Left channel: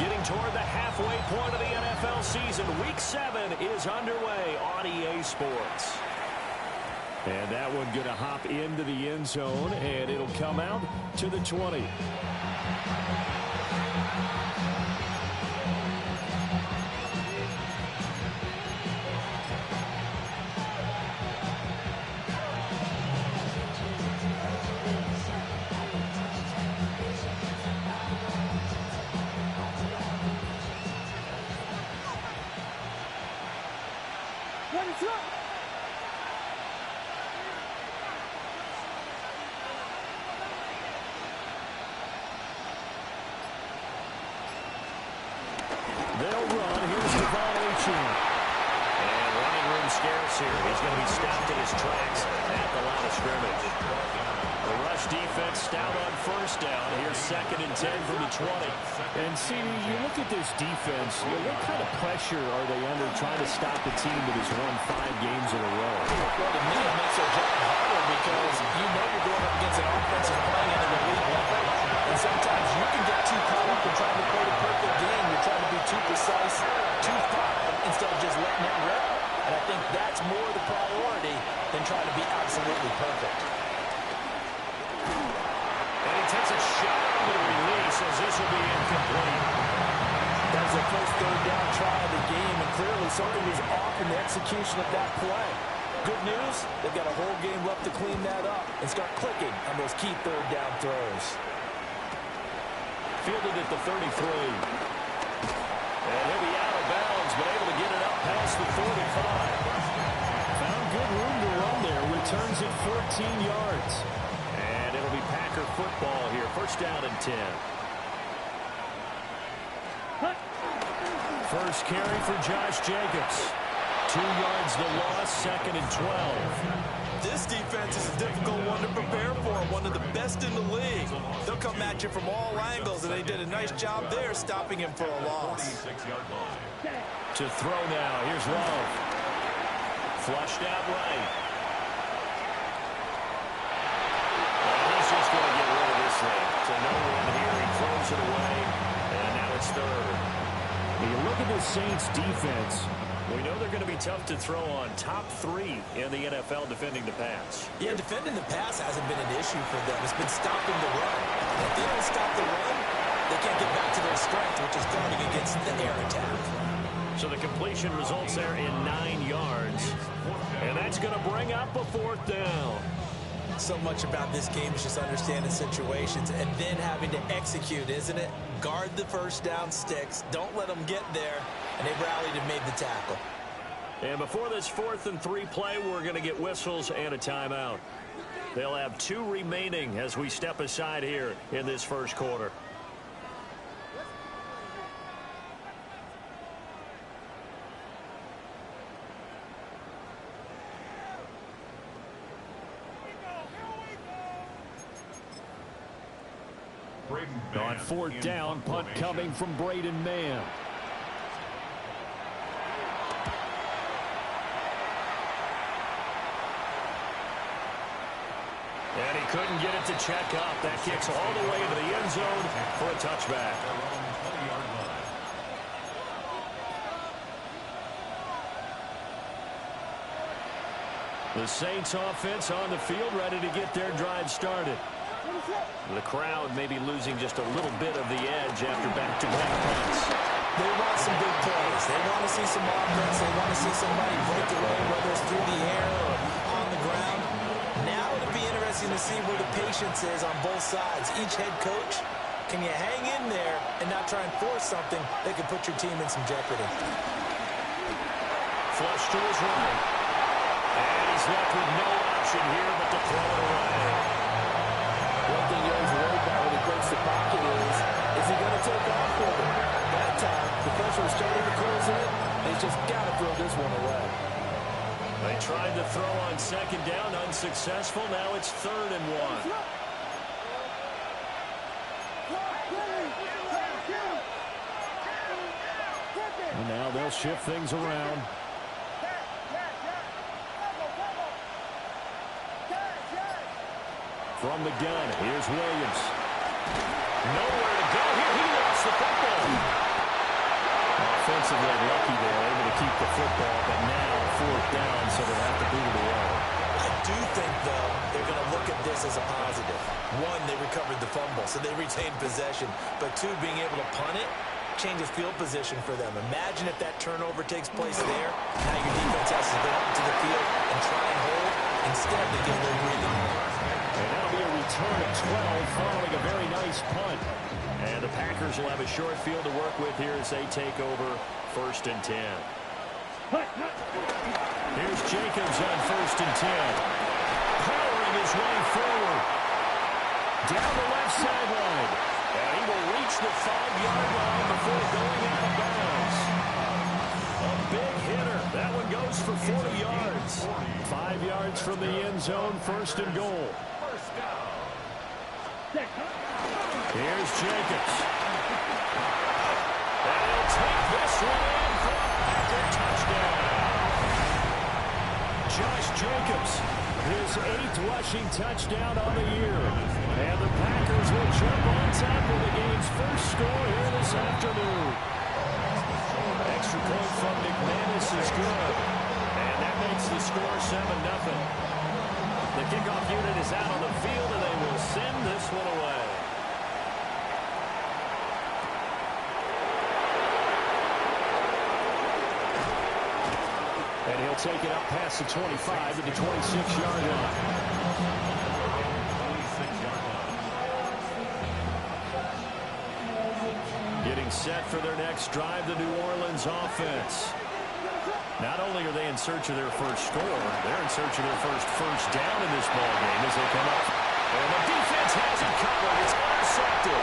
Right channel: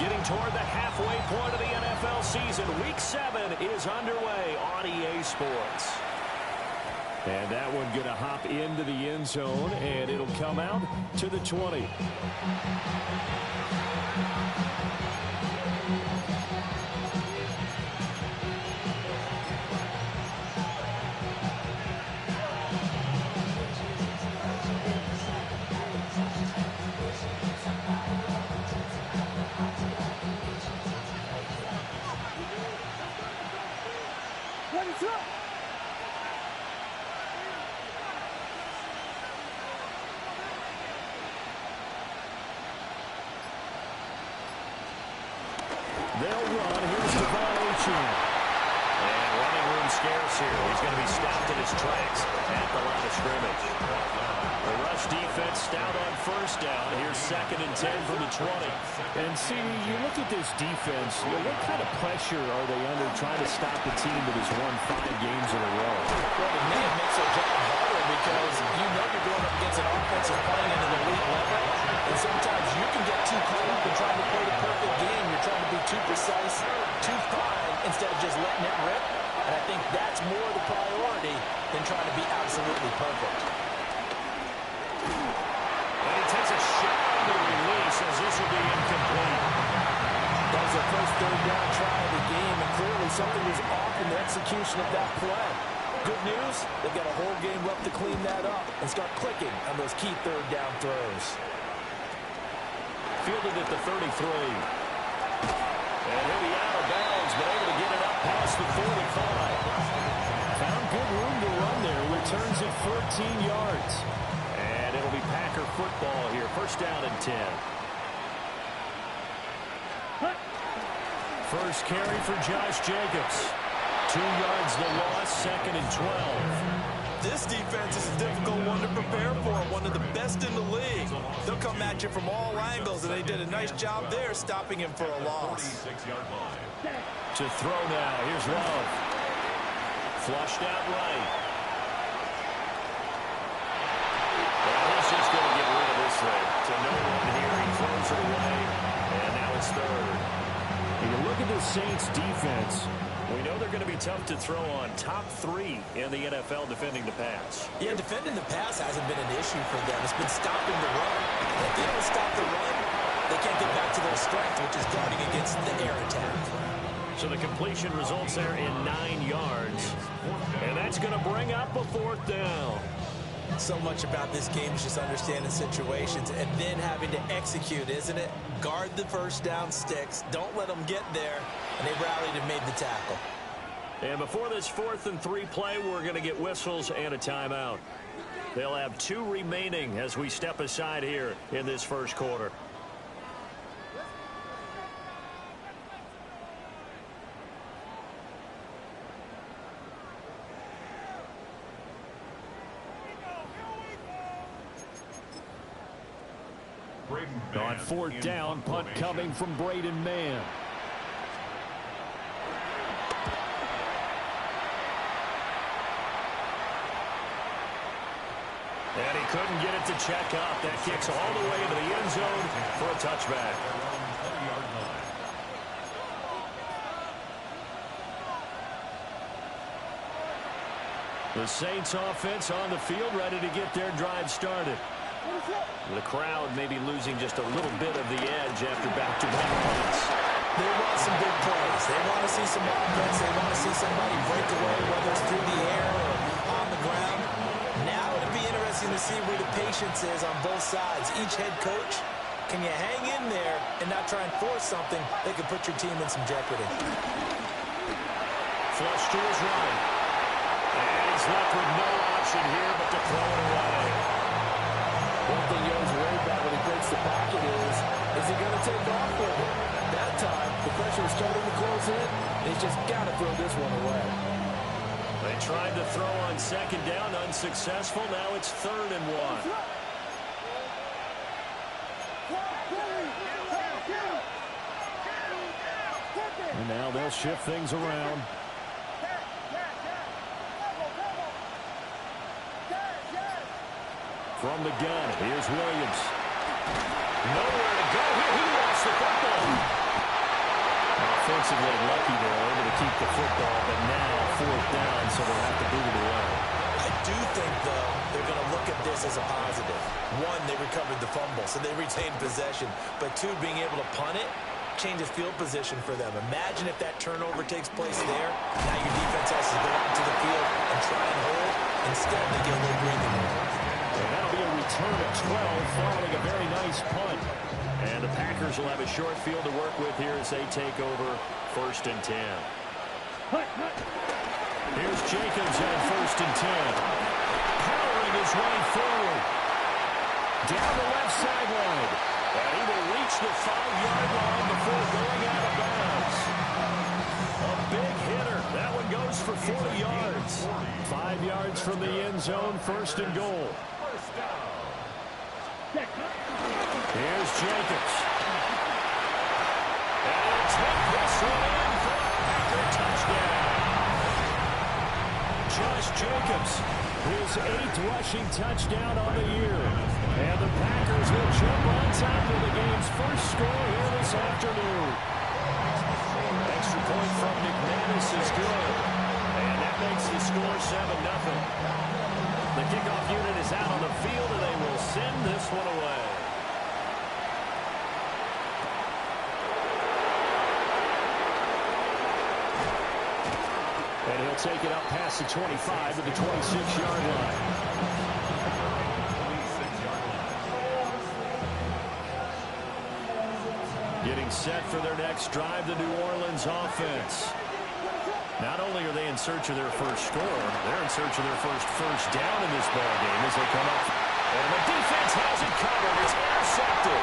Getting toward the halfway point of the NFL season. Week 7 is underway on EA Sports. And that one going to hop into the end zone, and it'll come out to the 20. They'll run. Here's Devon Achane. And running room scarce here. He's going to be stopped in his tracks at the line of scrimmage. The rush defense stout on first down. Here's 2nd and 10 from the 20. And see, you look at this defense, what kind of pressure are they under trying to stop the team that has won 5 games in a row? Well, to me, it makes their job harder because you know you're going up against an offense that's playing at an elite level. And sometimes you can get too caught up in trying to play the perfect game. You're trying to be too precise, too fine, instead of just letting it rip. And I think that's more the priority than trying to be absolutely perfect. And he takes a shot into the release as this will be incomplete. That was their first 3rd down try of the game, and clearly something was off in the execution of that play. Good news, they've got a whole game left to clean that up and start clicking on those key 3rd down throws. Fielded at the 33. And he'll be out of bounds, but able to get it up past the 45. Found good room to run there. Returns it 14 yards. And it'll be Packer football here. 1st down and 10. First carry for Josh Jacobs. 2 yards the loss, 2nd and 12. This defense is a difficult one to prepare for, one of the best in the league. They'll come at you from all angles, and they did a nice job there stopping him for a loss. To throw now, here's Love. Flushed out right. And he's just going to get rid of this thing. To no one here, he throws it away, and now it's 3rd. You look at this Saints defense. We know they're going to be tough to throw on. Top 3 in the NFL defending the pass. Yeah, defending the pass hasn't been an issue for them. It's been stopping the run. If they don't stop the run, they can't get back to their strength, which is guarding against the air attack. So the completion results there in 9 yards. And that's going to bring up a 4th down. So much about this game is just understanding situations and then having to execute, isn't it? Guard the first down sticks. Don't let them get there. And they rallied and made the tackle. And before this 4th and 3 play, we're going to get whistles and a timeout. They'll have 2 remaining as we step aside here in this first quarter. On 4th down, punt coming from Braden Mann. And he couldn't get it to check up. That kicks all the way into the end zone for a touchback. The Saints offense on the field, ready to get their drive started. The crowd may be losing just a little bit of the edge after back-to-back punts. They want some big plays. They want to see some offense. They want to see somebody break away, whether it's through the air or on the ground. Now it'll be interesting to see where the patience is on both sides. Each head coach, can you hang in there and not try and force something that could put your team in some jeopardy? Flush to his right. And he's left with no option here but to throw it away. One thing you always worry about when he breaks the pocket is he going to take off with it? That time, the pressure was starting to close in, and he's just got to throw this one away. They tried to throw on 2nd down, unsuccessful. Now it's 3rd and 1. And now they'll shift things around. From the gun, here's Williams. Nowhere to go here. He lost the football. defensively lucky there, able to keep the football, but now fourth down, so they'll have to boot it away. I do think, though, they're going to look at this as a positive. One, they recovered the fumble, so they retained possession. But two, being able to punt it changes field position for them. Imagine if that turnover takes place there. Now your defense has to go out to the field and try and hold. Instead, they get a little breathing room. And that'll be a return of 12 following a very nice punt. And the Packers will have a short field to work with here as they take over 1st and 10. Here's Jacobs on 1st and 10. Powering his way forward. Down the left sideline. And he will reach the 5-yard line before going out of bounds. A big hitter. That one goes for 40 yards. 5 yards from the end zone, 1st and goal. Here's Jacobs. And he'll take this one in for a Packer touchdown. Josh Jacobs, his 8th rushing touchdown on the year. And the Packers will jump on top of the game's first score here this afternoon. Extra point from McManus is good. And that makes the score 7-0. The kickoff unit is out on the field, and they will send this one away. And he'll take it up past the 25 to the 26-yard line. Getting set for their next drive, the New Orleans offense. Not only are they in search of their first score, they're in search of their first down in this ballgame as they come up. And the defense has it covered. It's intercepted.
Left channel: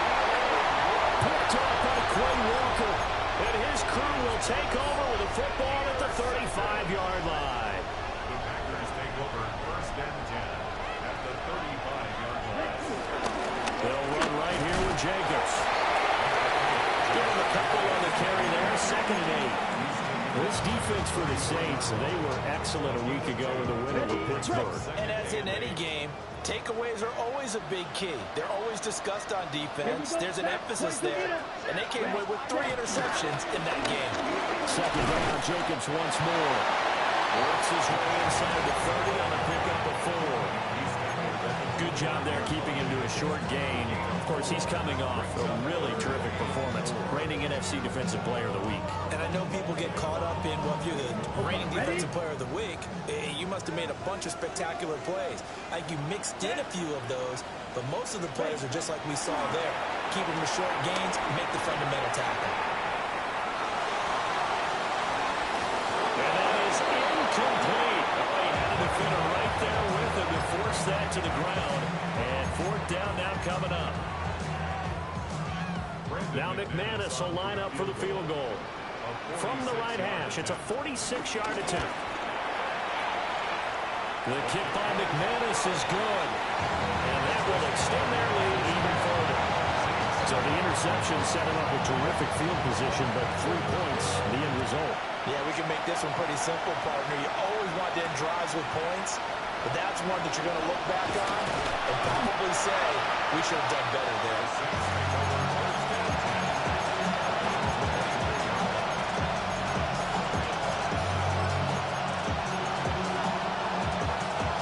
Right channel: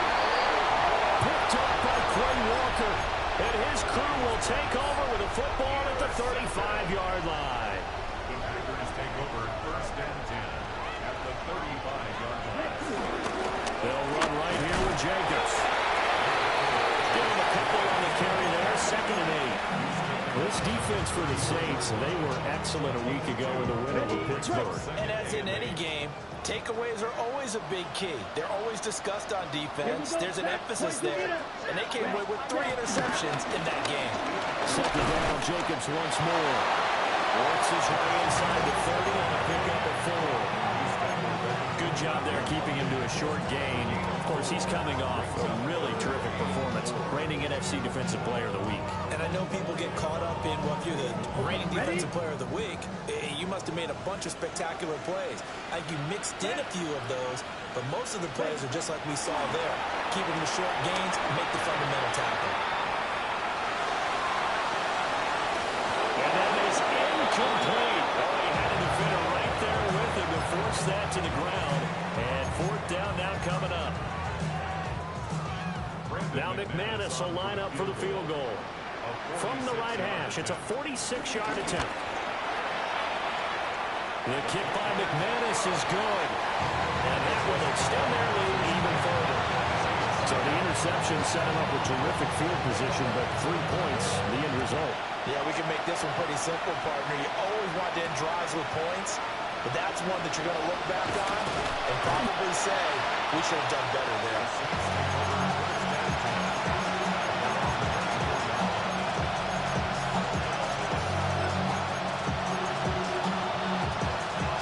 Picked off by Quay Walker. And his crew will take over with a football at the 35-yard line. The Packers take over 1st and 10 at the 35-yard line. They'll run right here with Jacobs. Give him a couple on the carry there. 2nd and 8. This defense for the Saints, they were excellent a week ago in the win over Pittsburgh. And as in any game, takeaways are always a big key. They're always discussed on defense. There's an emphasis there. And they came away with 3 interceptions in that game. 2nd down, Jacobs once more. Works his way inside the 30 on a pickup of 4. Good job there keeping him to a short gain. Of course, he's coming off a really terrific performance. Reigning NFC Defensive Player of the Week. And I know people get caught up in, well, if you're the reigning Defensive Player of the Week, you must have made a bunch of spectacular plays. I think you mixed in a few of those, but most of the plays are just like we saw there. Keep them to short gains, make the fundamental tackle. And that is incomplete. Oh, he had a defender right there with him to force that to the ground. And 4th down now coming up. Now McManus will line up for the field goal. From the right hash, it's a 46-yard attempt. The kick by McManus is good. And that will extend their lead even further. So the interception set him up with terrific field position, but 3 points, the end result. Yeah, we can make this one pretty simple, partner. You always want to end drives with points, but that's one that you're going to look back on and probably say, we should have done better there.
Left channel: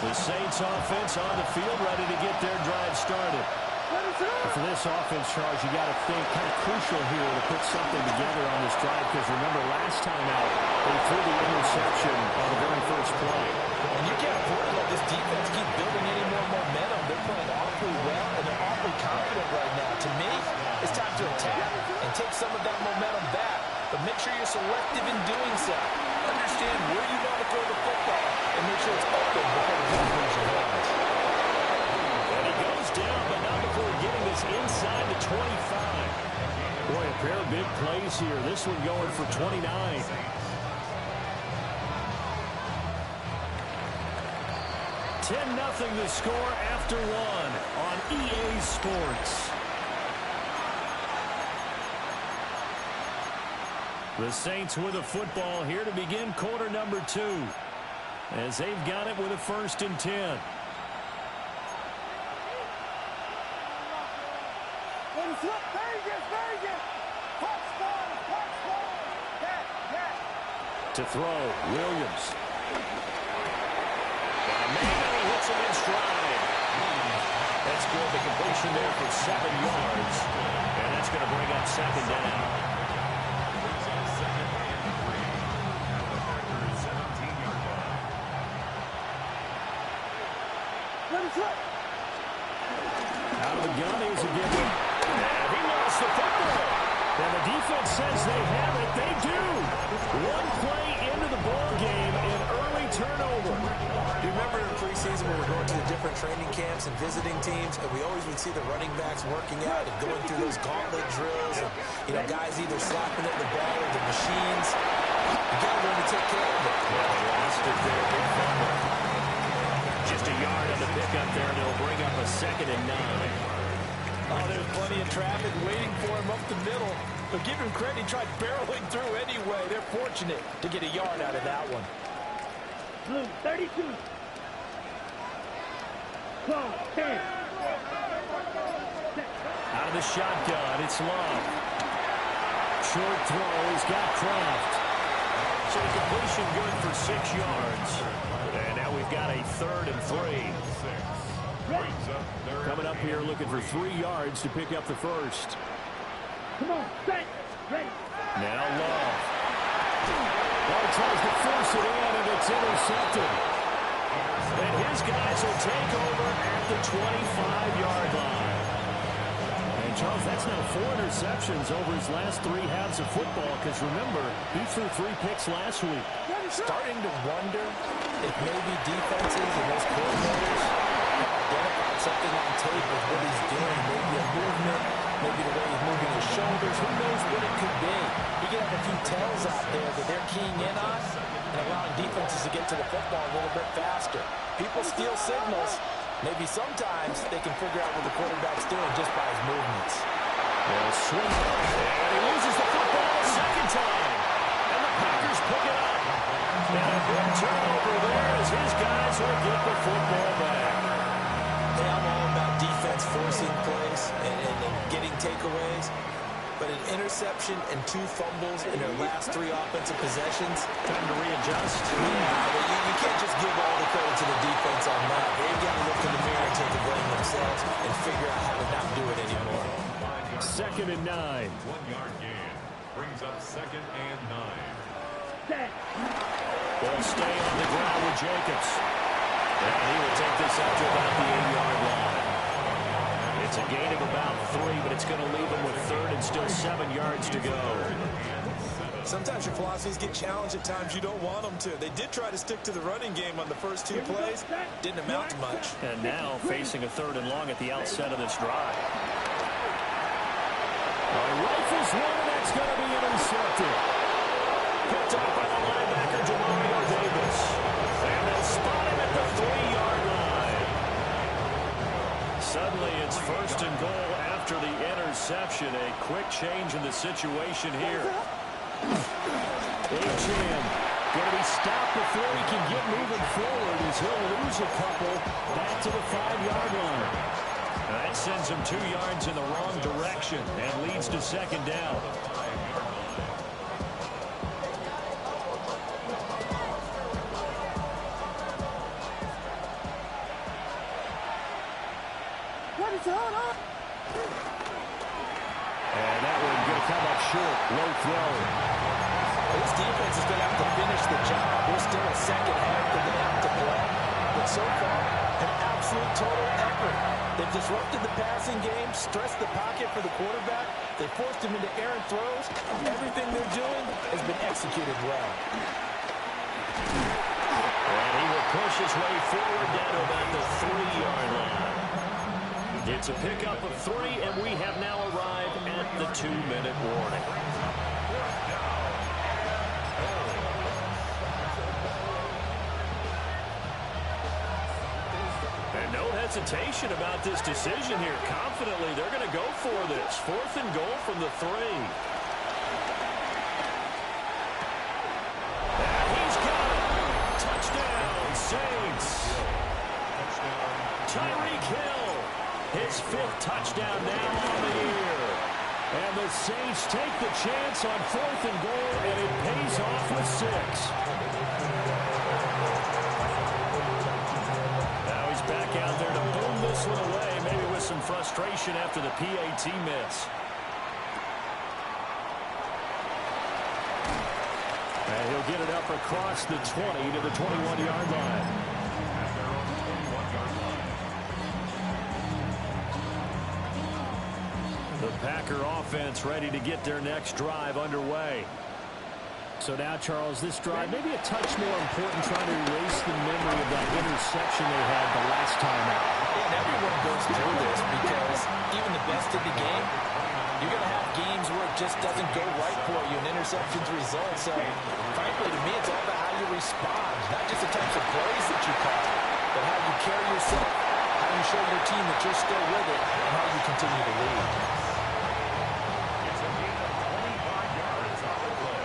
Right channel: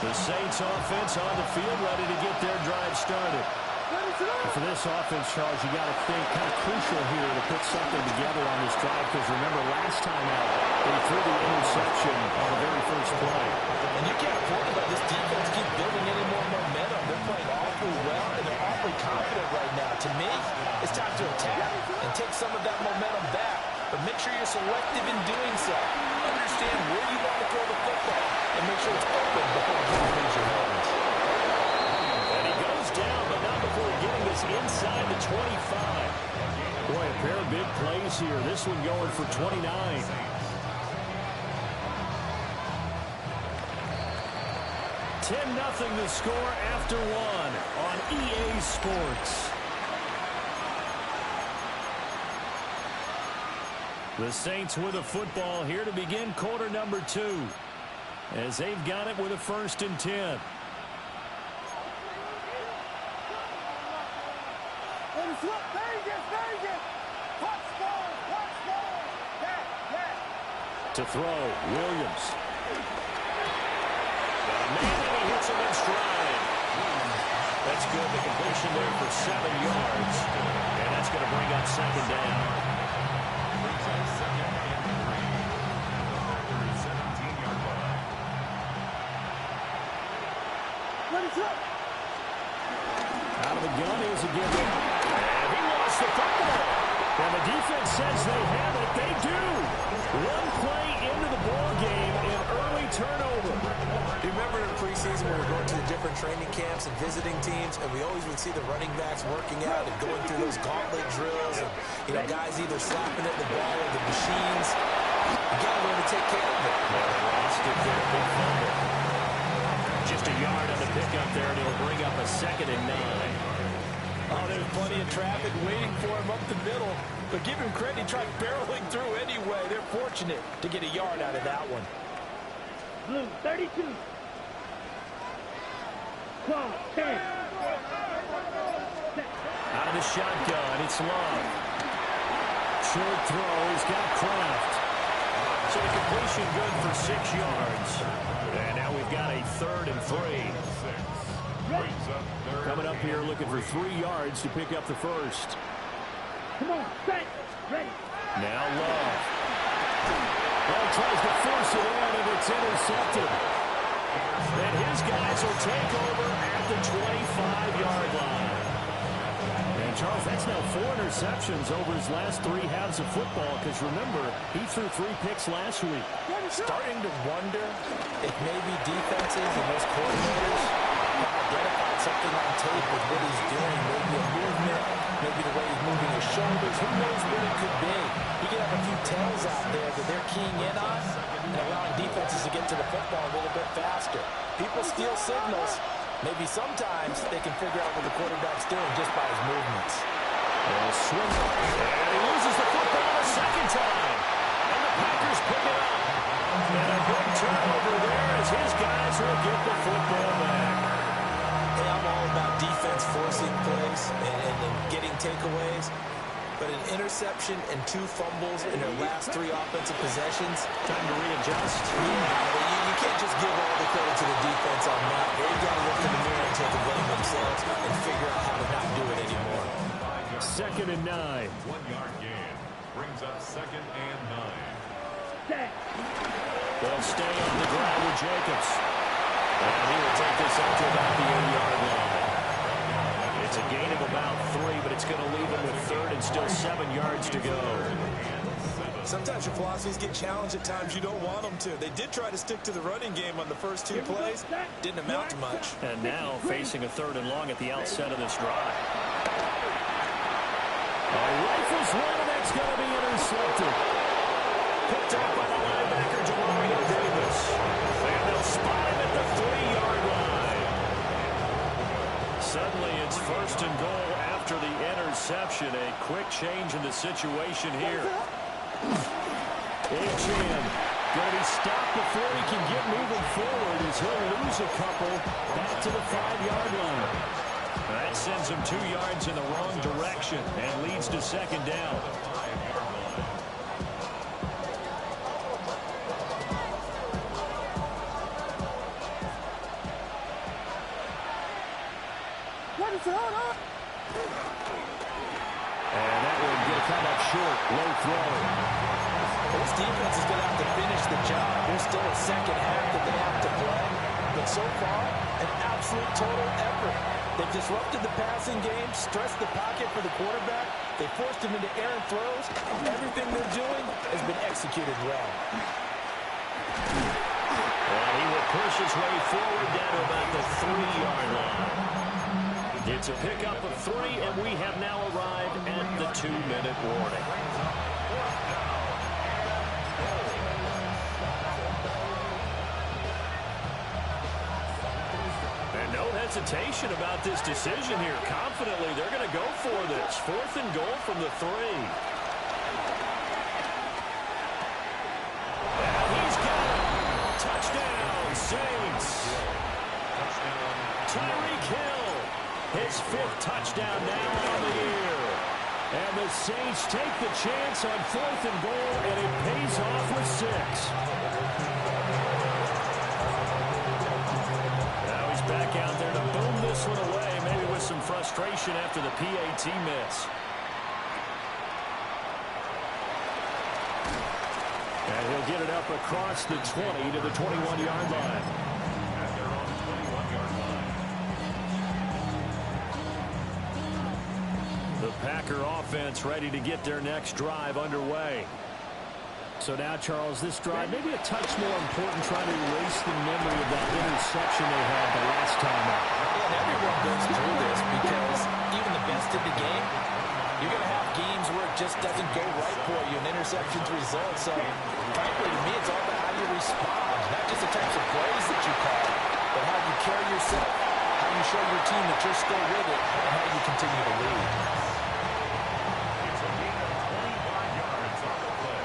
The Saints offense on the field, ready to get their drive started. For this offense, Charles, you got to think kind of crucial here to put something together on this drive, because remember last time out they threw the interception on the very first play. And you can't afford to let this defense keep building any more momentum. They're playing awfully well, and they're awfully confident right now. To me, it's time to attack and take some of that momentum back, but make sure you're selective in doing so. Understand where you want to throw the football and make sure it's open before the ball leaves your hands. And he goes down, but not before getting this inside the 25. Boy, a pair of big plays here. This one going for 29. 10-0 the score after 1 on EA Sports. The Saints with a football here to begin quarter number 2, as they've got it with a 1st and 10. Vegas, Vegas! Touchdown, touchdown! That To throw, Williams. Got a man, and he hits him in stride. That's good. The completion there for 7 yards. And that's going to bring up second down. Brings up second and 3 at the Packers' 17-yard line. Out of the gun, here's a give. And he lost the football. And the defense says they have it. They do. One play into the ball game, an early turnover. You remember in preseason when we were going to the different training camps and visiting teams, and we always would see the running backs working out and going through those gauntlet drills, and guys either slapping at the ball or the machines. You got to learn to take care of it. Yeah, they lost it there. Big fumble. Just a yard on the pickup there, and it'll bring up a 2nd and 9. Oh, there's plenty of traffic waiting for him up the middle. But give him credit, he tried barreling through anyway. They're fortunate to get a yard out of that one. Blue, 32. Claw, 10. Out of the shotgun, it's Love. Short throw, he's got Kraft. So the completion good for 6 yards. And now we've got a 3rd and 3. Coming up here looking for 3 yards to pick up the first. Come on, set, ready. Now Love. Oh, tries to force it in, and it's intercepted. And his guys will take over at the 25-yard line. And Charles, that's now 4 interceptions over his last 3 halves of football, because remember, he threw 3 picks last week. Starting to wonder if maybe defenses and those coordinators have identified something on tape with what he's doing. Maybe a movement, maybe the way he's moving his shoulders. Who knows what it could be? He could have a few tells out there that they're keying in on and allowing defenses to get to the football a little bit faster. People steal signals. Maybe sometimes they can figure out what the quarterback's doing just by his movements. They'll swing. And he loses the football a 2nd time. And the Packers pick it up. And a good turnover there as his guys will get the football back. Hey, I'm all about defense forcing plays and getting takeaways. But an interception and 2 fumbles in their last 3 offensive possessions. Time to readjust. Yeah, you can't just give all the credit to the defense on that. They've got to look in the mirror and take the blame themselves and figure out how to not do it anymore. 2nd and 9. 1-yard gain. Brings up 2nd and 9. Set. They'll stay on the ground with Jacobs. And he will take this out to about the 8-yard line. It's a gain of about 3, but it's going to leave him with 3rd and still 7 yards to go. Sometimes your philosophies get challenged at times you don't want them to. They did try to stick to the running game on the first 2 plays. Didn't amount to much. And now facing a 3rd and long at the outset of this drive. He rifles one, and that's going to be intercepted. Picked up by the linebacker, Demario Davis. And they'll spot him at the 3-yard line. Suddenly it's 1st and goal after the interception. A quick change in the situation here. Achane going to be stopped before he can get moving forward as he'll lose a couple back to the 5-yard line. That sends him 2 yards in the wrong direction and leads to 2nd down. And that one going to come up short. Low throw. This defense is going to have to finish the job. There's still a 2nd half that they have to play. But so far, an absolute total effort. They've disrupted the passing game, stressed the pocket for the quarterback. They forced him into errant throws. Everything they're doing has been executed well. And he will push his way forward down to about the 3-yard line. It's a pickup of 3, and we have now arrived at the 2-minute warning. And no hesitation about this decision here. Confidently, they're going to go for this. 4th and goal from the 3. And he's got it. Touchdown, Saints. Tyreek Hill. His 5th touchdown now on the year. And the Saints take the chance on 4th and goal, and it pays off with 6. Now he's back out there to boom this one away, maybe with some frustration after the PAT miss. And he'll get it up across the 20 to the 21-yard line. At their own 21-yard line. The Packer offense ready to get their next drive underway. So now, Charles, this drive maybe a touch more important, trying to erase the memory of that interception they had the last time out. And everyone goes through this because even the best in the game, you're going to have games where it just doesn't go right for you, and interceptions result. So, frankly, to me, it's all about how you respond, not just the types of plays that you call, but how you carry yourself, how you show your team that you're still with it, and how you continue to lead. It's a gain of 25 yards on the play.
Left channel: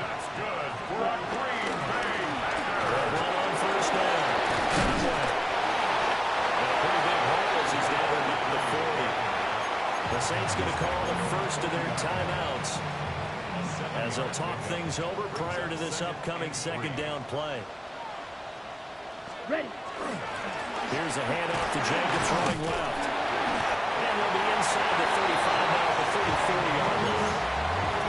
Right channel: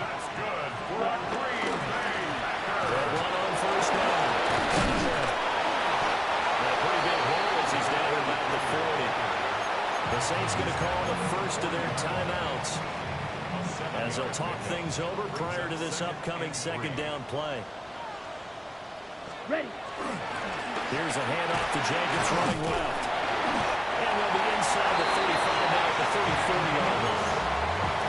That's good for a Green Bay Packer. One on first down. Conway. And a pretty big hole as he's down about the 40. The Saints going to call the first of their timeouts as they'll talk things over prior to this upcoming second down play. Ready. Here's a handoff to Jacobs running left. And they'll be inside the 35 now at the 34-yard line.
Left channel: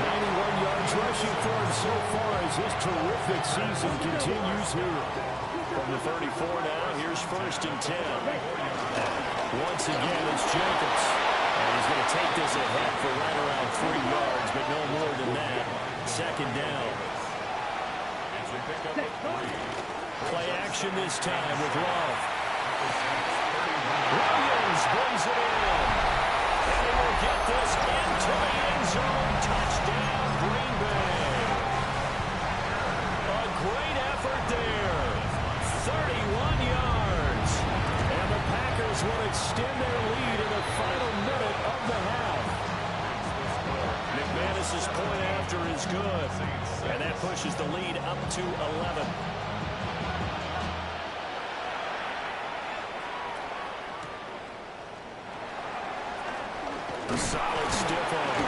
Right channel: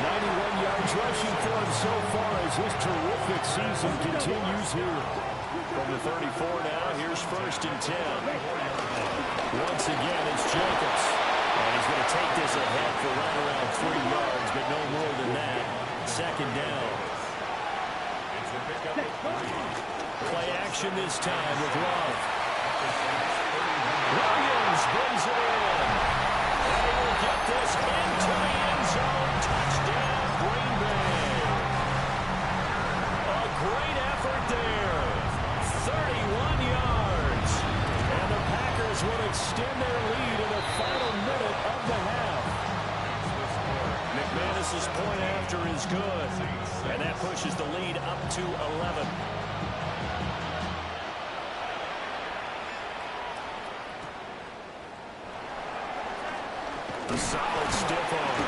91 yards rushing for him so far as his terrific season continues here. From the 34 now, here's 1st and 10. Once again, it's Jacobs. And he's going to take this ahead for right around 3 yards, but no more than that. Second down. It's a pickup of 3. Play action this time with Love. Williams brings it in. And he will get this into the end zone. Touchdown, Green Bay. A great effort there. 31 yards. And the Packers will extend their lead in the final minute of the half. McManus's point after is good. And that pushes the lead up to 11. A solid stiff arm.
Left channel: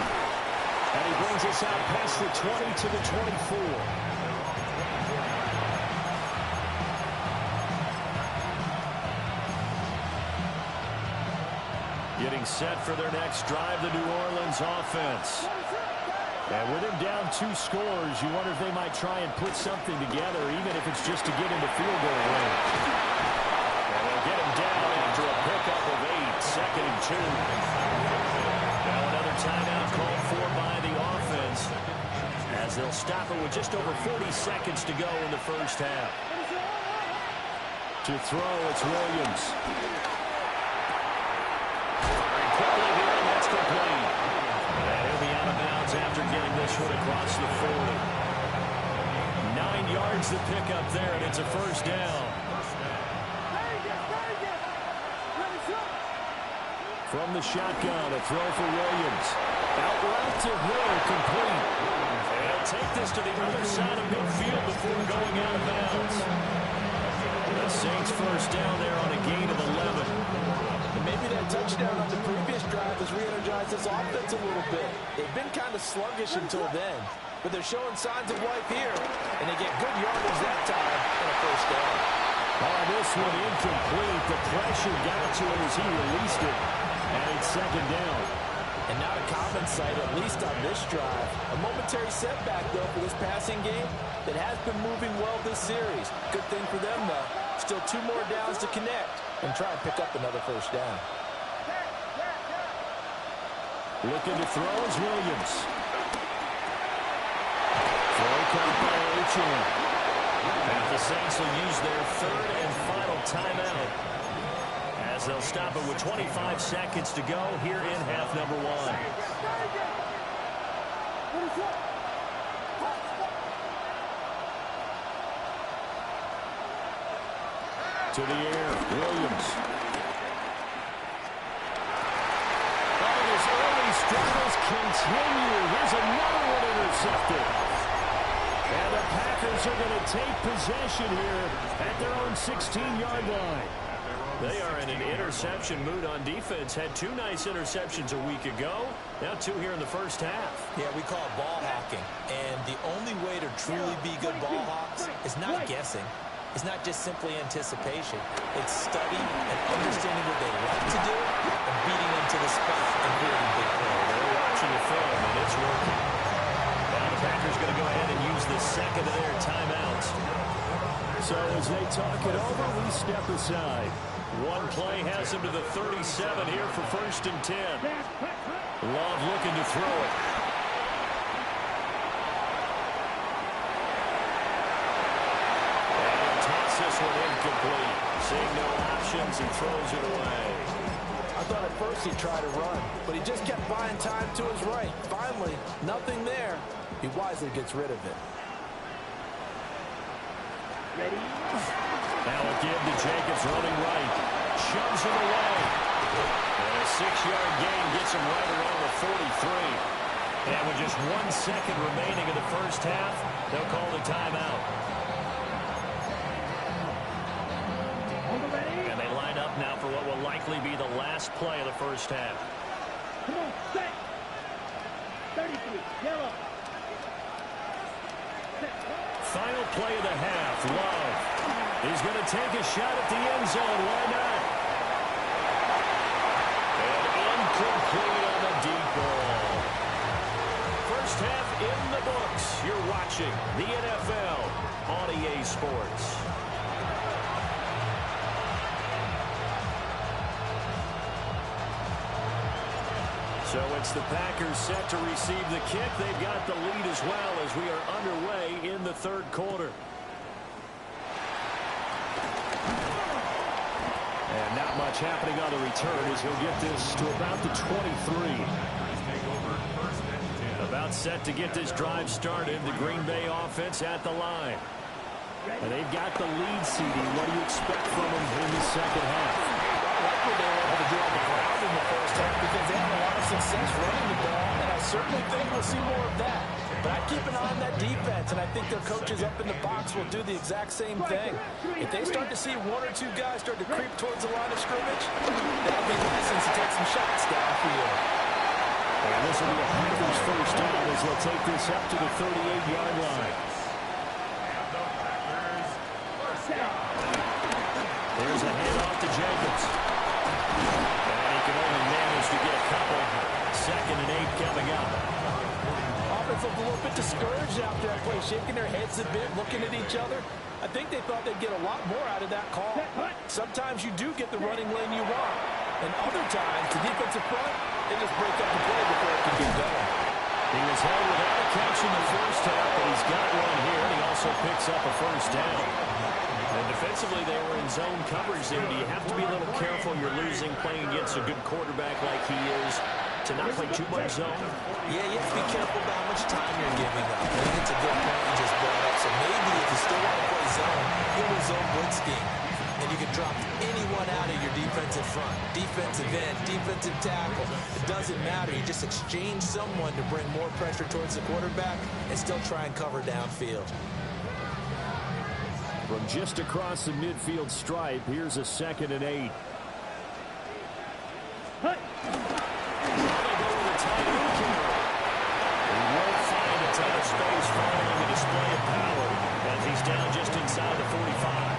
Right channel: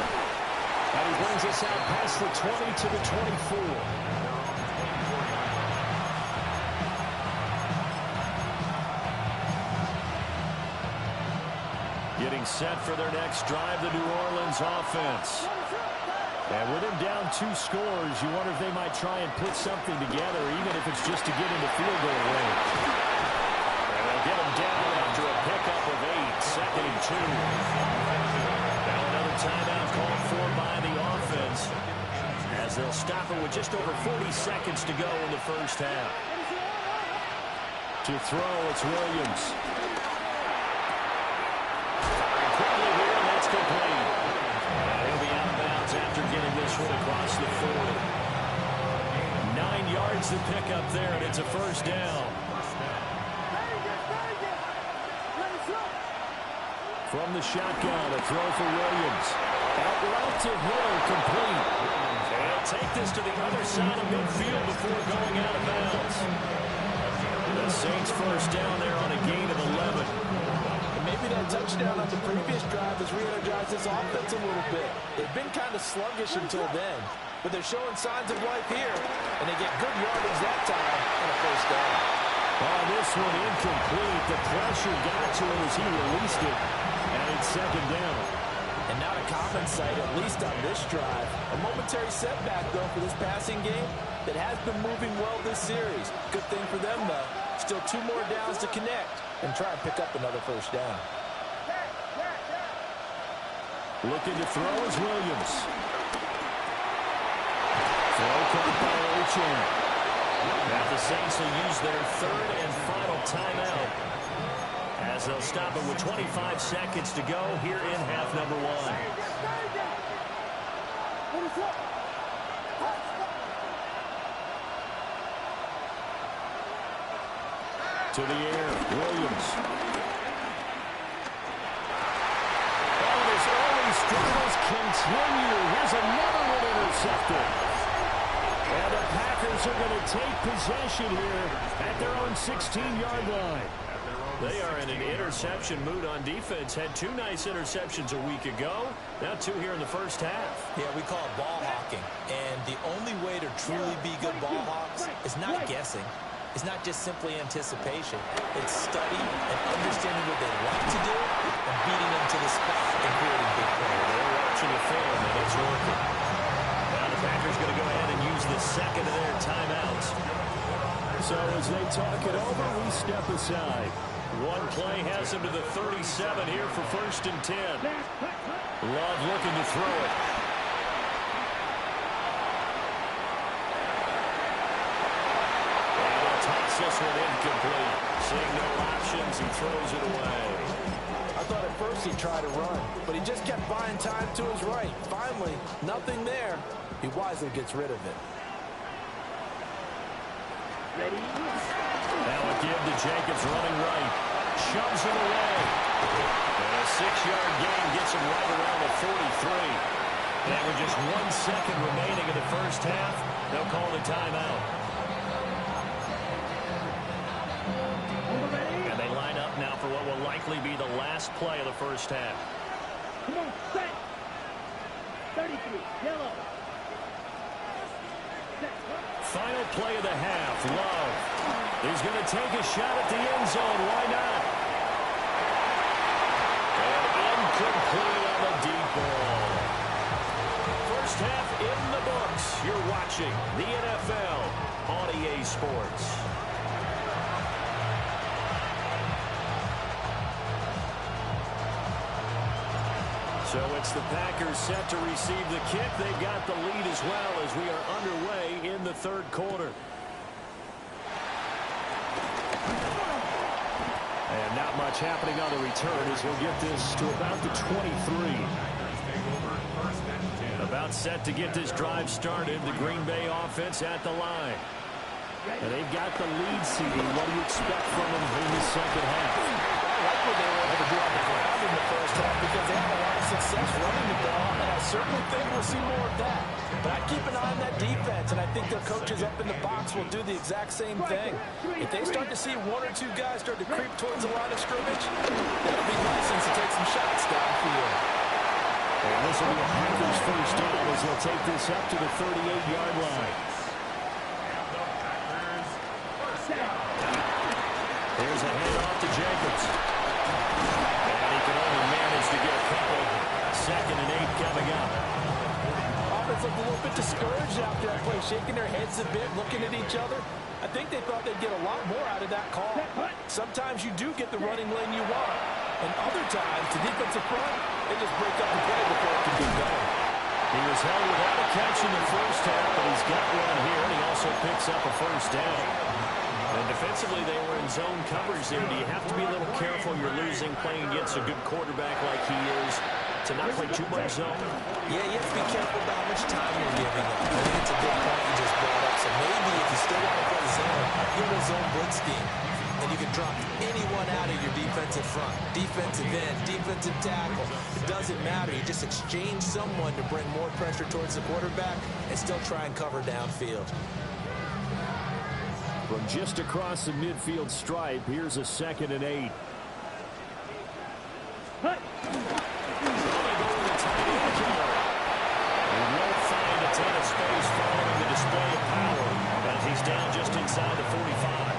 And he brings us out past the 20 to the 24. Getting set for their next drive, the New Orleans offense. And with him down 2 scores, you wonder if they might try and put something together, even if it's just to get into field goal range. And they'll get him down after a pickup of 8, 2nd and 2. Now another timeout called for by the offense, as they'll stop it with just over 40 seconds to go in the first half. To throw, it's Williams. Quickly here, and that's complete. And he'll be out of bounds after getting this one across the 40. 9 yards to pick up there, and it's a first down. From the shotgun, a throw for Williams. Out route to Hill, complete. And he'll take this to the other side of midfield before going out of bounds. The Saints first down there on a gain of 11. And maybe that touchdown on the previous drive has re-energized this offense a little bit. They've been kind of sluggish until then, but they're showing signs of life here, and they get good yardage that time and a first down. On this one, incomplete. The pressure got to him as he released it, and it's second down. And not a common sight, at least on this drive. A momentary setback, though, for this passing game that has been moving well this series. Good thing for them, though. Still 2 more downs to connect and try and pick up another first down. Looking to throw is Williams. Throw caught by Achane. Now the Saints will use their 3rd and final timeout, as they'll stop it with 25 seconds to go here in half number 1. To the air, Williams. Oh, and his early struggles continue. Here's another one intercepted. And the Packers are going to take possession here at their own 16-yard line. They are in an interception mood on defense. Had 2 nice interceptions a week ago. Now 2 here in the first half. Yeah, we call it ball hawking. And the only way to truly be good ball hawks is not guessing. It's not just simply anticipation. It's studying and understanding what they like to do and beating them to the spot and creating big plays. They're watching the film, and it's working. Now the Packers going to go ahead and use the second of their timeouts. So as they talk it over, we step aside. One play has them to the 37 here for 1st and 10. Love looking to throw it. And he'll toss this one incomplete. Seeing no options, he throws it away. I thought at first he'd try to run, but he just kept buying time to his right. Finally, nothing there. He wisely gets rid of it. Ready? Now a give to Jacobs running right. Shoves it away. And a 6-yard gain gets him right around the 43. And with just 1 second remaining in the first half, they'll call the timeout. And they line up now for what will likely be the last play of the first half. Come on, set. 33, yellow. Final play of the half. Love. He's going to take a shot at the end zone. Why not? And incomplete on the deep ball. First half in the books. You're watching the NFL on EA Sports. So it's the Packers set to receive the kick. They've got the lead as well as we are underway in the third quarter. And not much happening on the return as he'll get this to about the 23. About set to get this drive started. The Green Bay offense at the line. And they've got the lead seeding. What do you expect from them in the second half? I like what they were able to do on the ground in the first half because they had a lot of success running the ball, and I certainly think we'll see more of that. But I keep an eye on that defense, and I think their coaches up in the box will do the exact same thing. If they start to see 1 or 2 guys start to creep towards the line of scrimmage, that'll be license to take some shots downfield. And this will be a Packers first down as they'll take this up to the 38-yard line. Here's a handoff to Jacobs. And he can only manage to get a couple. 2nd and 8 coming up. Offense looked a little bit discouraged after that play, shaking their heads a bit, looking at each other. I think they thought they'd get a lot more out of that call. Sometimes you do get the running lane you want. And other times, the defensive front, they just break up the play before it can get going. He was held without a catch in the first half, but he's got one here, and he also picks up a first down. And defensively, they were in zone coverage there. Do you have to be a little careful? You're losing playing against a good quarterback like he is to not play too much zone? Yeah, you have to be careful about how much time you're giving up. I think it's a good point you just brought up. So maybe if you still want to play zone, give a zone blitz scheme. And you can drop anyone out of your defensive front. Defensive end, defensive tackle. It doesn't matter. You just exchange someone to bring more pressure towards the quarterback and still try and cover downfield. From just across the midfield stripe, here's a 2nd and 8. Hey. They go with a tight end carry. He won't find a ton of space following the display of power as he's down just inside the 45.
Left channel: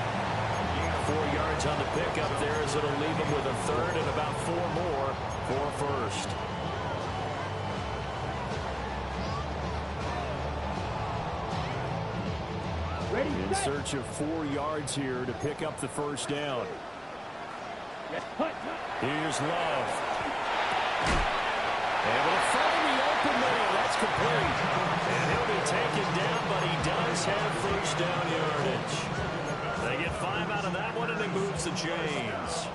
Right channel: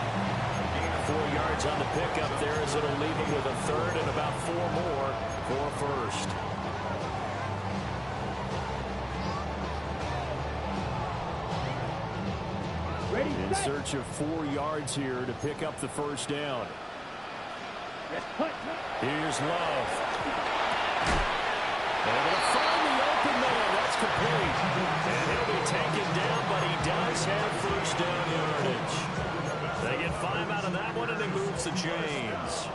4 yards on the pickup there as it'll leave him with a 3rd and about 4 more for 1st. In search of 4 yards here to pick up the first down. Here's Love. Able to find the open man. That's complete. And he'll be taken down, but he does have first down yardage. They get 5 out of that one, and he moves the chains.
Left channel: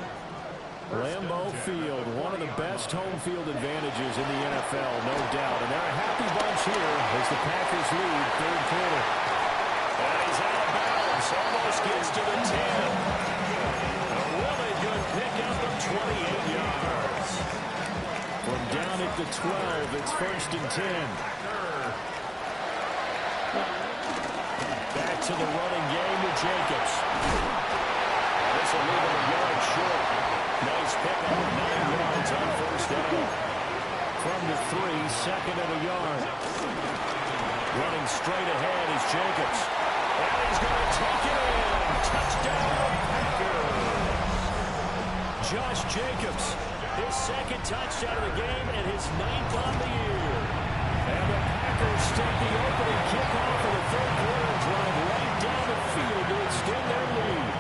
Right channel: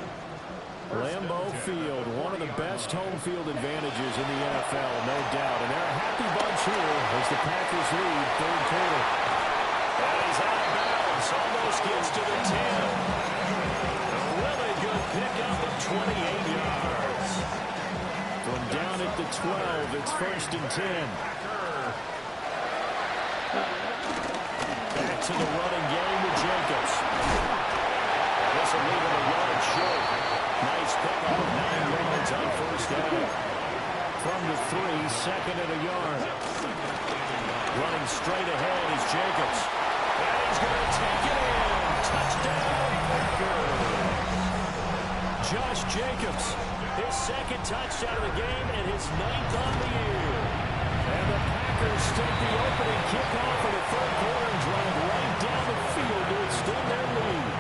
Lambeau Field, one of the best home field advantages in the NFL, no doubt. And they're a happy bunch here as the Packers lead third quarter. And he's out of bounds, almost gets to the 10. A really good pickup of 28 yards. From down at the 12, it's 1st and 10. Back to the running game with Jacobs. And this will leave him a yard short. Nice pickup of 9 yards on first down. From the 3, second and a yard. Running straight ahead is Jacobs. And he's going to take it in. Touchdown, Packers. Josh Jacobs, his second touchdown of the game and his 9th on the year. And the Packers take the opening kickoff of the third quarter and drive right down the field to extend their lead.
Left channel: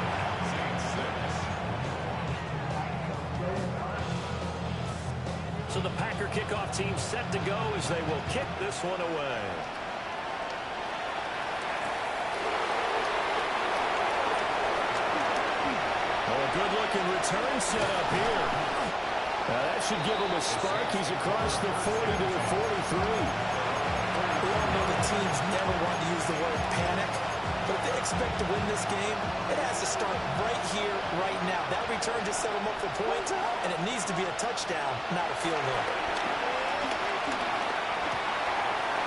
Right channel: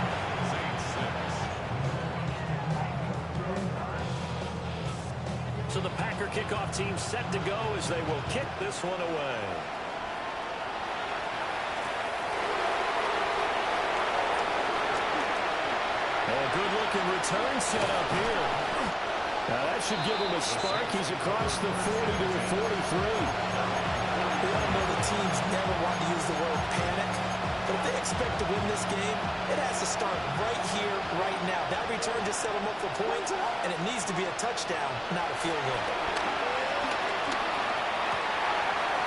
So the Packer kickoff team set to go as they will kick this one away. Oh, a good-looking return set up here. Now that should give him a spark. He's across the 40 to the 43. We all know the teams never want to use the word panic, but if they expect to win this game, it has to start right here, right now. That return just set them up for points, and it needs to be a touchdown, not a field goal.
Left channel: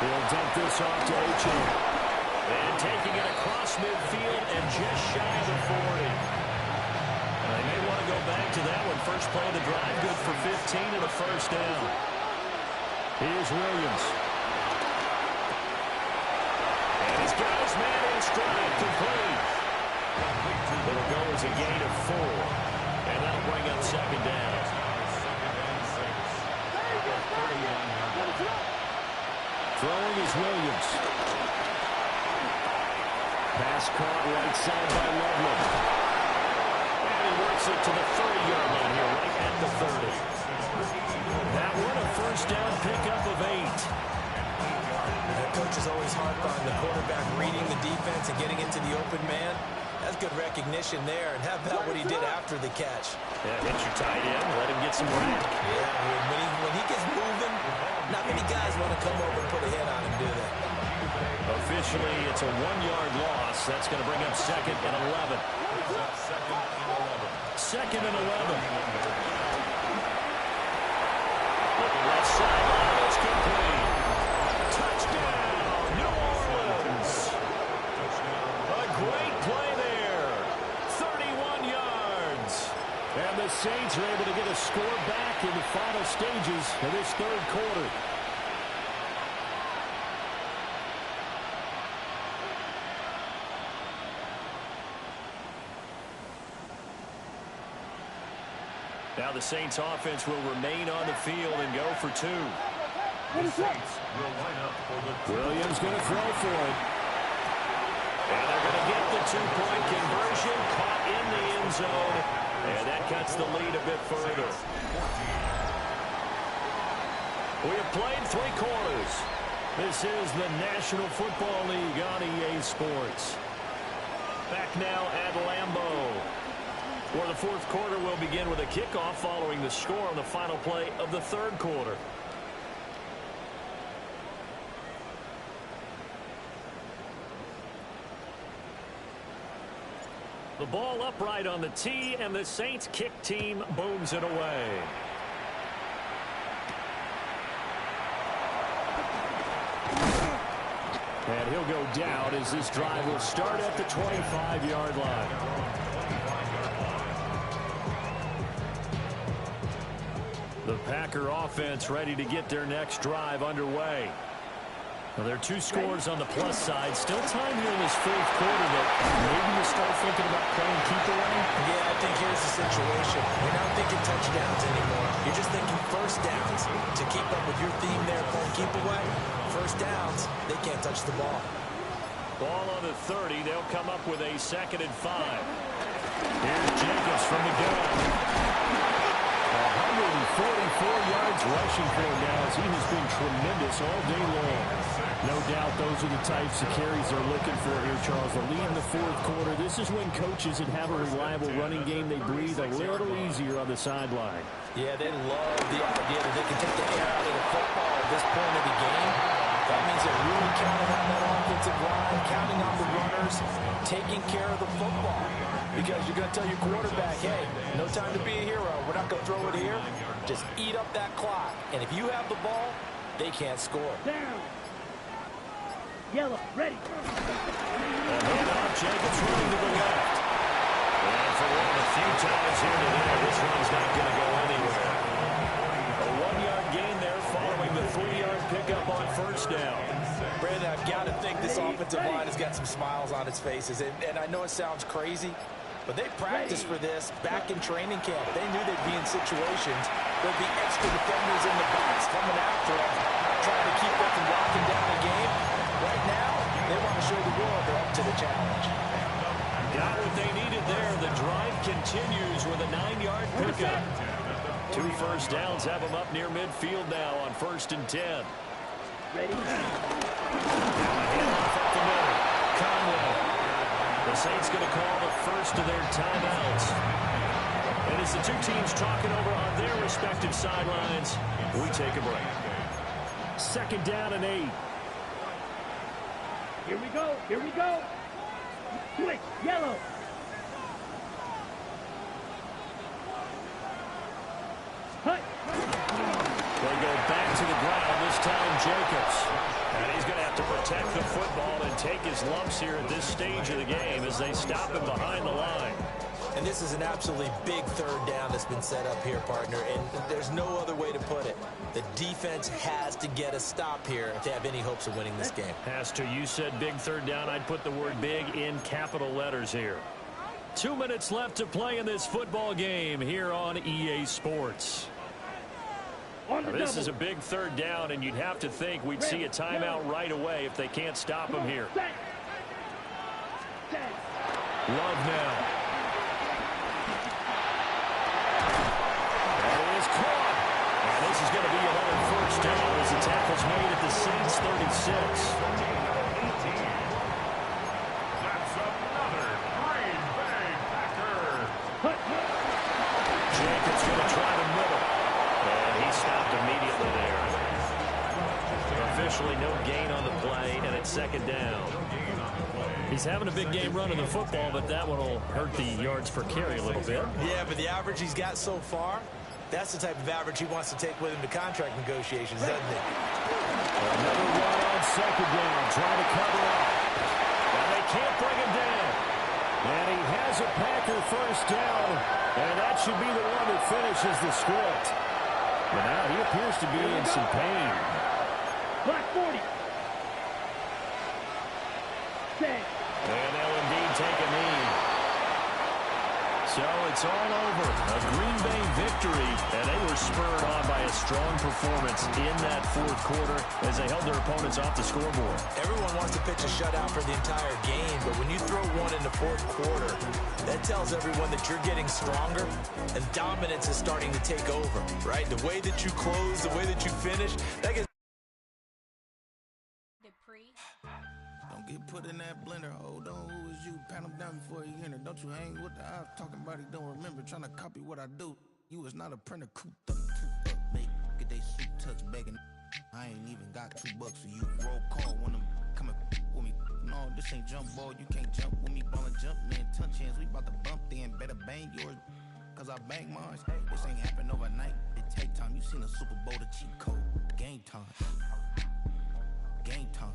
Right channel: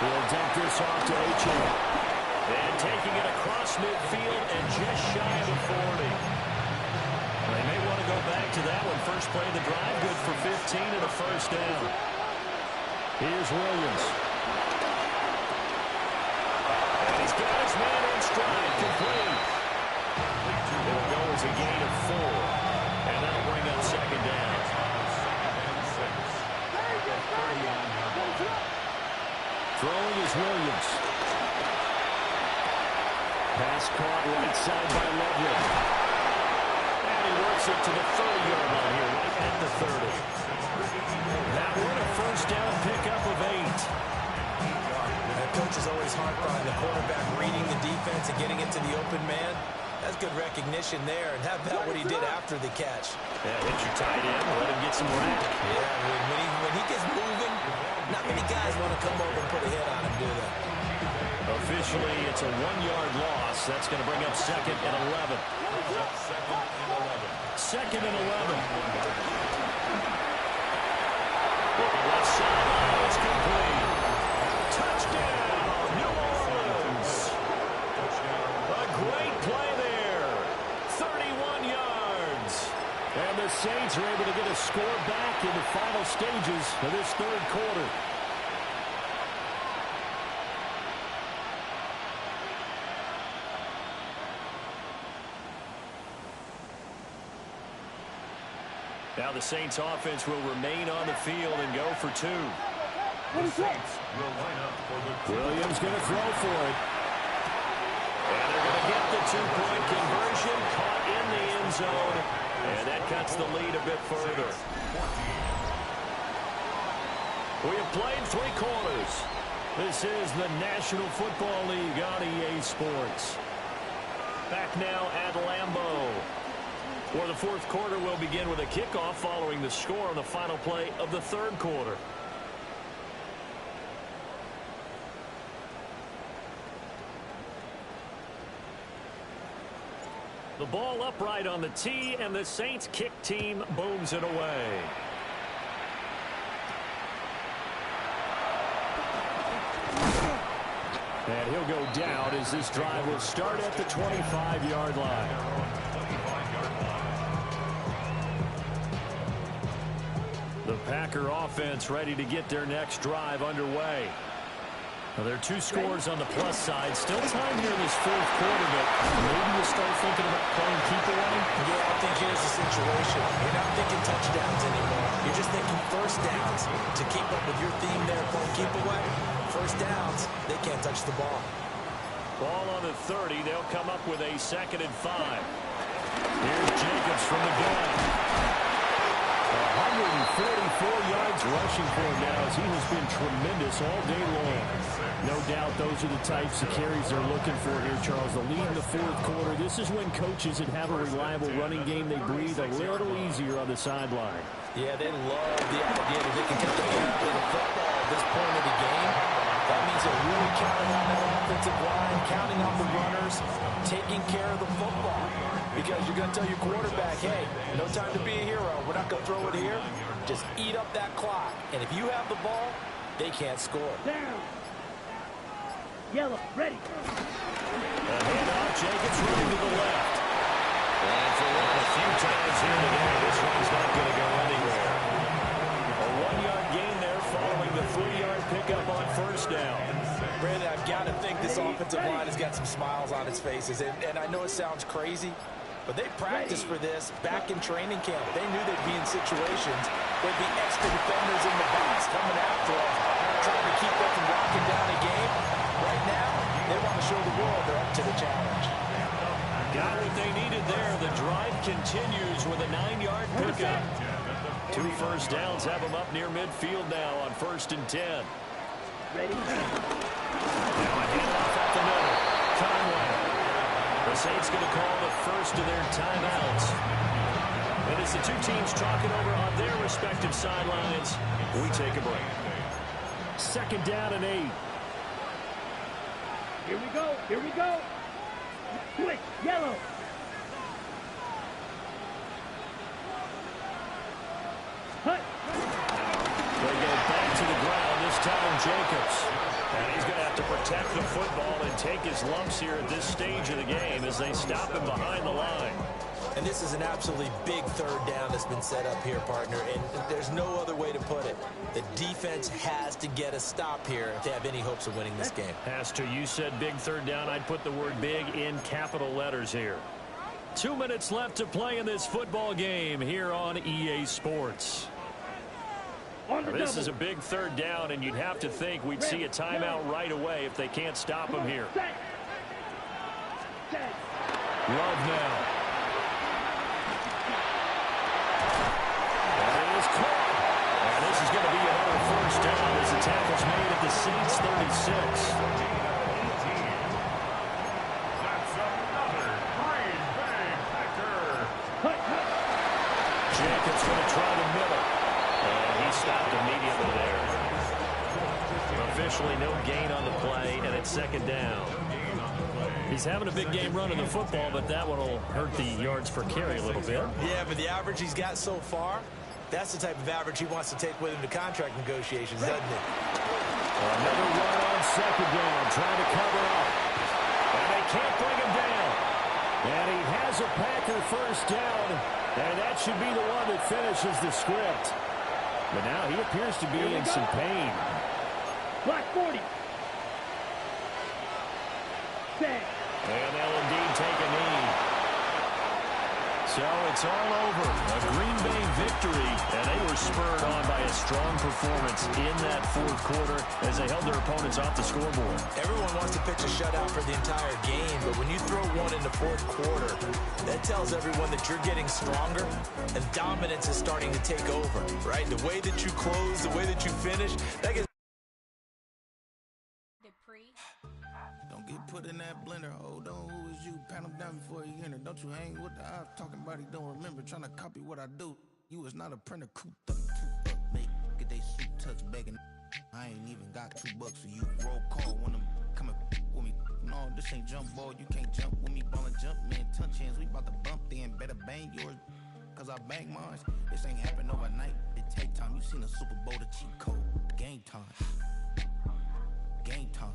He'll dump this off to Achane. And taking it across midfield and just shy of the 40. They may want to go back to that one. First play of the drive, good for 15 and a first down. Here's Williams. And he's got his man in stride, complete. It'll go as a gain of 4. And that'll bring up second down. Throwing is Williams. Pass caught right side by Loveland. And he works it to the 30-yard line here, right at the 30. That one a first down pickup of 8. Coach is always harped on the quarterback reading the defense and getting into the open man. That's good recognition there. And how about what he did after the catch? Yeah, hit your tight end, let him get some rack. Yeah, when he gets moving, not many guys want to come over and put a hit on him, do they? Officially, it's a 1-yard loss. That's going to bring up second and 11. Second and 11. Looking left sideline, it's complete. Touchdown, New Orleans. A great play there. 31 yards. And the Saints are able to get a score back in the final stages of this third quarter. Now the Saints offense will remain on the field and go for 2. The Saints will line up for the Williams going to throw for it. And they're going to get the 2-point conversion, caught in the end zone. And that cuts the lead a bit further. We have played 3 quarters. This is the National Football League on EA Sports. Back now at Lambeau, where the fourth quarter will begin with a kickoff following the score on the final play of the third quarter. The ball upright on the tee, and the Saints kick team booms it away. And he'll go down as this drive will start at the 25-yard line. The Packer offense ready to get their next drive underway. Now, there are 2 scores on the plus side. Still time here in this fourth quarter, but maybe you start thinking about playing keep away? Yeah, I think here's the situation. You're not thinking touchdowns anymore. You're just thinking first downs. To keep up with your theme there, playing keep away, first downs, they can't touch the ball. Ball on the 30. They'll come up with a 2nd and 5. Here's Jacobs from the gun. 144 yards rushing for him now as he has been tremendous all day long. No doubt those are the types of carries they're looking for here, Charles. The lead in the fourth quarter. This is when coaches that have a reliable running game, they breathe a little easier on the sideline. Yeah, they love the idea that they can take the air out of the football at this point of the game. That means they're really counting on that offensive line, counting on the runners, taking care of the football. Because you're going to tell your quarterback, hey, no time to be a hero. We're not going to throw it here. Just eat up that clock. And if you have the ball, they can't score. Down. Yellow, ready. A handoff, Jacobs running to the left. And for one of the few times here today, this one's not going to go anywhere. A 1-yard gain there following the 3-yard pickup on first down. Brandon, I've got to think this offensive line has got some smiles on its faces. And I know it sounds crazy, but they practiced for this back in training camp. They knew they'd be in situations where the extra defenders in the box coming after them, trying to keep them from locking down a game. Right now, they want to show the world they're up to the challenge. Got what they needed there. The drive continues with a 9-yard pickup. 2 first downs have them up near midfield now on 1st and 10. Ready? Now a handoff up the middle. Conway. The Saints going to call the first of their timeouts. And as the two teams talking over on their respective sidelines, we take a break. 2nd down and 8. Here we go. Here we go. Switch. Yellow. Hut. They go back to the ground, this time Jacobs. And he's going to have to protect the football and take his lumps here at this stage of the game as they stop him behind the line. And this is an absolutely big 3rd down that's been set up here, partner, and there's no other way to put it. The defense has to get a stop here if they have any hopes of winning this game. Has to. You said big 3rd down. I'd put the word big in capital letters here. 2 minutes left to play in this football game here on EA Sports. This is a big 3rd down, and you'd have to think we'd see a timeout right away if they can't stop him here. Love now. That is caught. And this is going to be another 1st down as the tackle's made at the Saints 36. That's another Green Bay Packer. Jacobs going to try the middle. And he stopped immediately there. Officially no gain on the play, and it's 2nd down. He's having a big game running the football, but that one will hurt the yards per carry a little bit. Yeah, but the average he's got so far, that's the type of average he wants to take with him to contract negotiations, doesn't he? Another run on 2nd down, trying to cover up. And they can't bring him down. And he has a Packer 1st down, and that should be the one that finishes the script. But now he appears to be in some pain. Black 40. Set. And they'll indeed take a knee. So it's all over. A Green Bay victory, and they were spurred on by a strong performance in that 4th quarter as they held their opponents off the scoreboard. Everyone wants to pitch a shutout for the entire game, but when you throw one in the 4th quarter, that tells everyone that you're getting stronger and dominance is starting to take over, right? The way that you close, the way that you finish, that gets... Don't get put in that blender. Hold on, who is you? Pat him down before he enter. Don't you hang with the ops talking about he don't remember. Trying to copy what I do. You is not a printer. Cooped up, make get they suit touch begging. I ain't even got $2 for you. Roll call when I'm coming with me. No, this ain't jump ball. You can't jump with me. Ball and jump, man. Touch hands. We about to bump then. Better bang yours. Cause I bang mine. This ain't happen overnight. It take time. You seen a Super Bowl, the cheat code. Game time. Game time.